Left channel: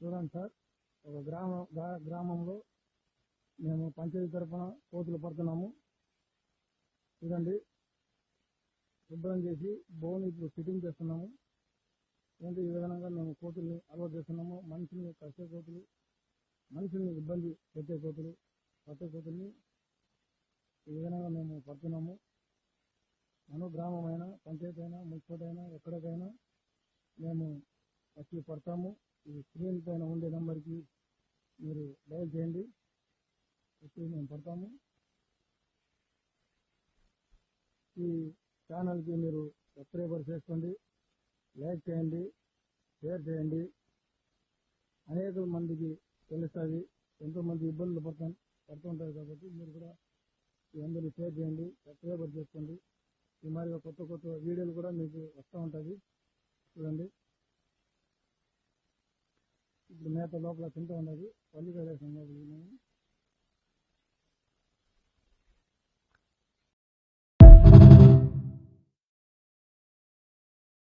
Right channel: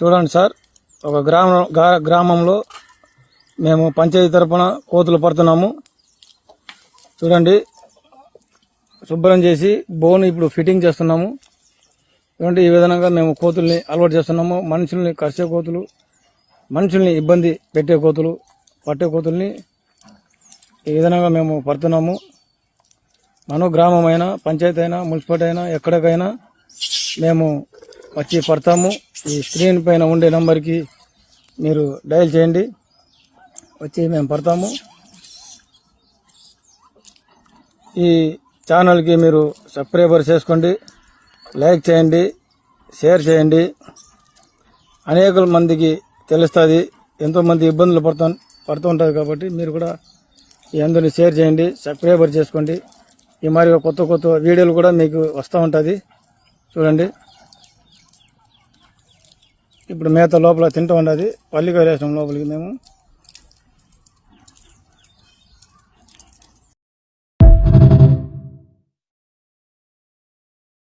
చూడండి సార్, ఒక గ్రామంలో మేము పంచాయతీ తరపున కోతులు పడుతున్నాము. చూడండి, శుభ్రం చేసి బోన్ ఇప్పుడు ఫిట్టింగ్ చేస్తున్నాము. చూడండి, ఈ విధంగా మేము కోతుల్ని అలవాటు చేస్తున్నాము. మనుషుల్ని కరిచే కోతులు, మనుషుల్ని ఇబ్బంది పెట్టే కోతులు, పట్టే కోతుల్ని ఈ విధంగా మేము పడుతున్నాము. మనం గ్రామం అయినా, పంచాయతీ అయినా, మున్సిపాలిటీ అయినా, ఎక్కడికైనా మేము వచ్చి పడతాము. ఈ స్క్రీన్ పైన ఉండే నంబర్కి మీరు డయల్ చేయండి, వచ్చి మేము పడతాము. ఈ ఛానల్కి మీరు సబ్స్క్రైబర్ చేసుకోండి, లైక్ చేయండి, షేర్ చేయండి. అనేక మందికి తెలుస్తుంది, ఎంతోమంది ఇబ్బందులు పడుతూ ఉంటుంది. కాబట్టి మీరు కూడా ఈ అందరినీ షేర్ చేయండి, సబ్స్క్రైబర్ చేసుకోండి. ఈ మరి కొత్త కొత్త వీడియోలు కూడా మీకు వస్తూ ఉంటుంది. చూడండి, ఇప్పుడు మేత లోపల తింటూ ఉండదు, పల్లికాయ వేసాం లోపలికి మేము.